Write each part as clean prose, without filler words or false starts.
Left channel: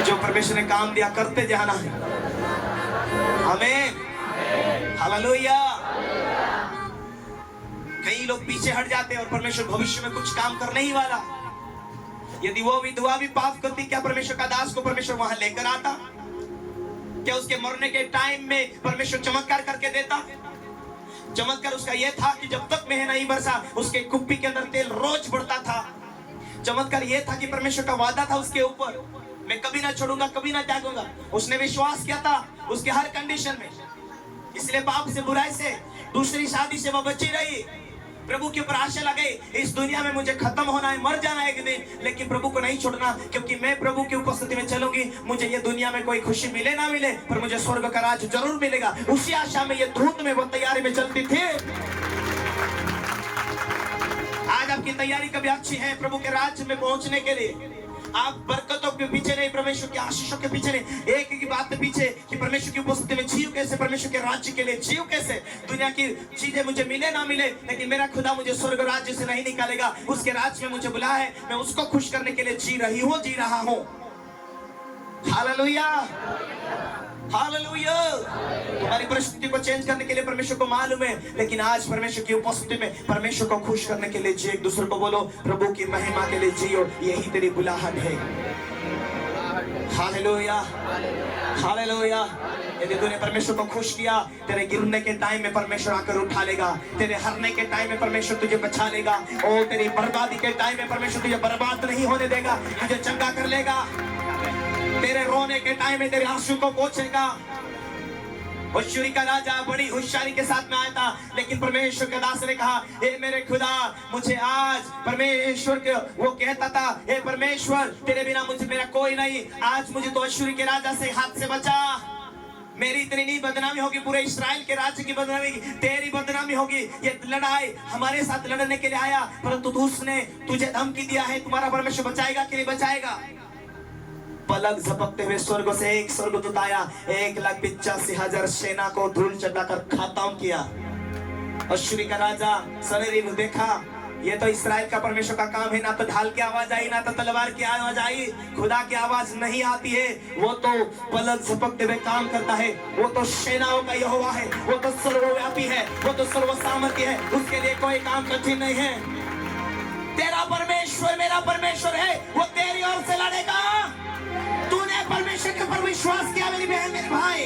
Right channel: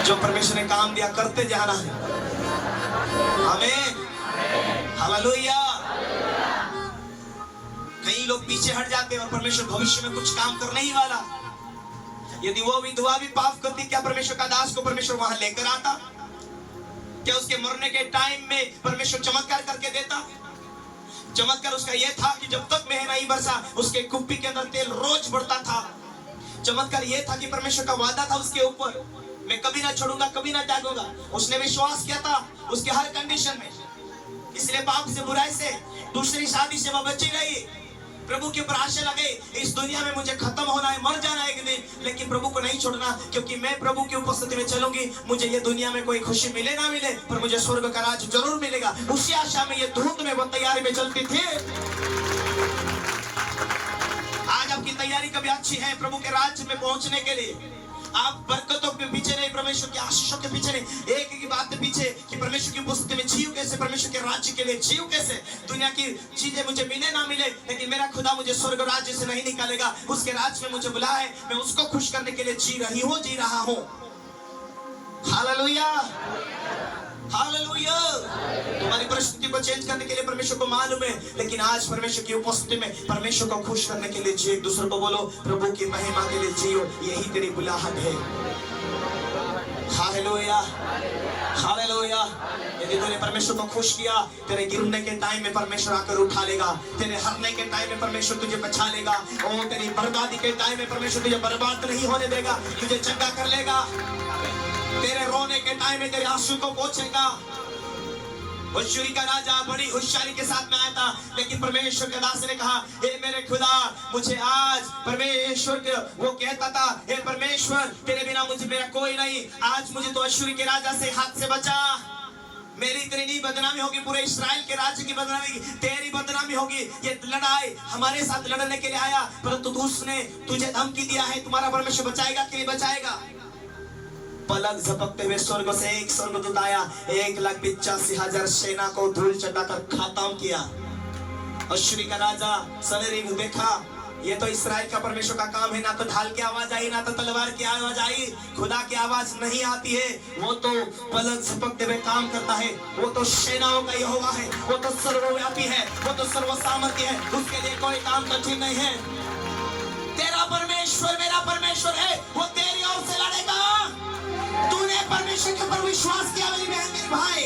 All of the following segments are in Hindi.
जो परमेश्वर ने काम दिया करते जाना है। आमीन, हालेलुया। कई लोग पीछे हट जाते हैं और परमेश्वर भविष्य में कुछ काम करने ही वाला। यदि वो विधवा भी पाप करती, क्या परमेश्वर का दास को परमेश्वर वहां लेकर आता? क्या उसके मरने के टाइम में परमेश्वर चमत्कार करके देता? चमत्कार उसका यह था कि जब तक मेह नहीं बरसा उसके कुप्पी के अंदर तेल रोज बढ़ता था। चमत्कार यह था कि परमेश्वर का वादा था उसके ऊपर, मैं कभी ना छोड़ूंगा, कभी ना त्यागूंगा। उसने विश्वास किया था उसके हर कंडीशन में, इसलिए पाप से, बुराई से, दूसरी शादी से वह बची रही। प्रभु के ऊपर आशा लगे, इस दुनिया में मुझे खत्म होना है, मर जाना है एक दिन, लेकिन प्रभु को नहीं छोड़ना, क्योंकि मैं प्रभु की उपस्थिति में चलूंगी। मुझे ये दुनिया में कोई खुशी मिले ना मिले, पर मुझे स्वर्ग का राज जरूर मिलेगा। उसी आशा में ये धूप में वो तैयारी में चलती थी। आज आपकी तैयारी कभी अच्छी है प्रभु के राज्य में पहुंचने के लिए? आप बरकतों के पीछे नहीं, परमेश्वर की आशीषों के पीछे नहीं, एक ही बात के पीछे कि परमेश्वर की उपस्थिति में जियो कैसे, परमेश्वर के राज्य के लिए जियो कैसे। दुनिया की चीजें मुझे मिले ना मिले, लेकिन मेरा खुदा मुझे स्वर्ग राज्य से नहीं निकालेगा। उसके राज्य में मुझे बुलाया है, मैं उसको खुश करने के लिए जी रहा हूं। Hallelujah, hallelujah. तुम्हारी परिस्थिति को चेंज करने के लिए परमेश्वर को मालूम है, लेकिन आज परमेश्वर की उपस्थिति में परमेश्वर को खुश करने के लिए जियो। एक दूसरे को बोलो, प्रभु की महिमा के लिए जियो, यही तेरी बुलाहट है। Hallelujah, hallelujah. यदि तूने परमेश्वर को खुश किया, तेरे गिरने के टाइम में परमेश्वर आकर उठा लेगा, तेरे हारने के टाइम में परमेश्वर तुझे बचा लेगा, और तेरी बर्बादी के टाइम में परमेश्वर तुझे बर्बाद नहीं होने देगा, तुझे चंगा कर लेगा। तेरे रोने के टाइम में तेरे आंसू को पोंछेगा। होशियारी का राजा बड़ी होशियारी के साथ में आया था, लेकिन परमेश्वर के दास ने कहा, हे मेरे खुदा, मुझे आज परमेश्वर के वो कहता था, हे परमेश्वर, तेरे बिना मुझे मेरा कोई नहीं, आज मुझे तो होशियारी के राजा से हाथ से बचा। मेरी तेरी नहीं बदनामी होगी, पूरे इस्राएल के राज्य की बदनामी, तेरी बदनामी होगी। ये लड़ाई हमारे साथ लड़ने के लिए आया, परंतु उसने तुझे धमकी दिया है, तुम्हारा परमेश्वर बचाएगा कि नहीं बचाएगा? पलक झपकते हुए स्वर्ग से एक स्वर्गदूत आया, 1,85,000 सेना को धूल चटाकर खत्म किया। अश्शूरी का राजा सनरीब देखा, ये तो इस्राएल का परमेश्वर का काम है, ना तो ढाल की आवाज आई, ना तो तलवार की आवाज आई, खुदा की आवाज नहीं आती है। वो तो पलक झपकते हुए काम करता है, वो तो सेनाओं का यहोवा है, वो तो सर्वव्यापी है, वो तो सर्वसामर्थ्य है, उसके लिए कोई काम कठिन नहीं है। तेरा परमेश्वर मेरा परमेश्वर है, वो तेरी ओर से लड़ेगा। तूने परमेश्वर के ऊपर विश्वास किया मेरी बहन, मेरे भाई,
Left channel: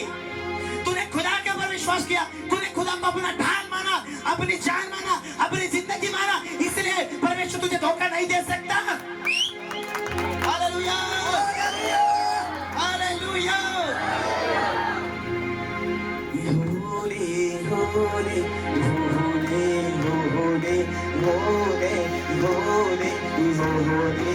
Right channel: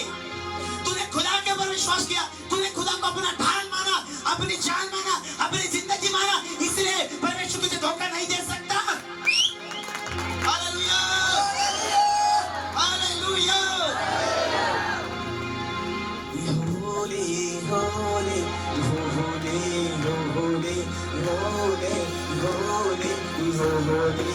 तूने खुदा के ऊपर विश्वास किया, तूने खुदा को अपना ढाल माना, अपनी जान माना, अपनी जिंदगी माना, इसलिए परमेश्वर तुझे धोखा नहीं दे सकता। Hallelujah, hallelujah. होले होले होले होले होले होले होले होले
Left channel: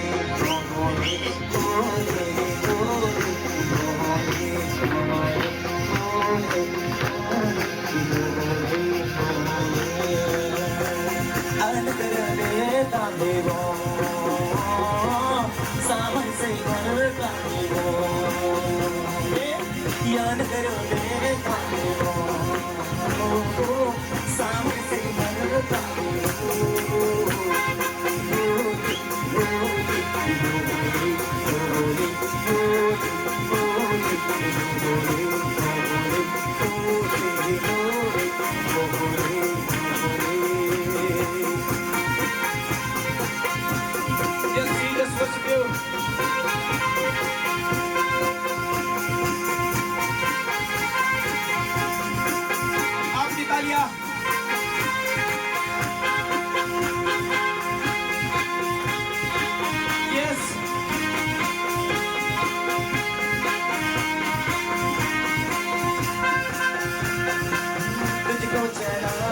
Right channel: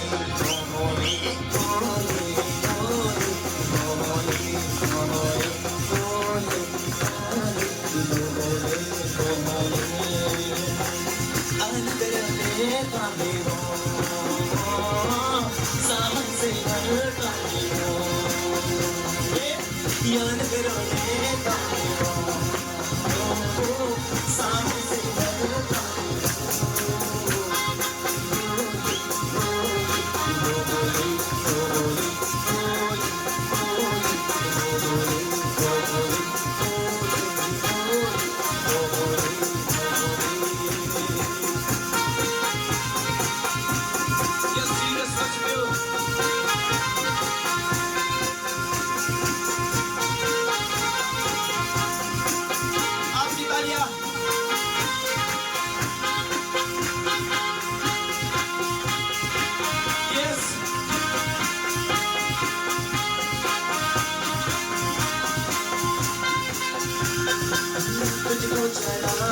आपकी तालियां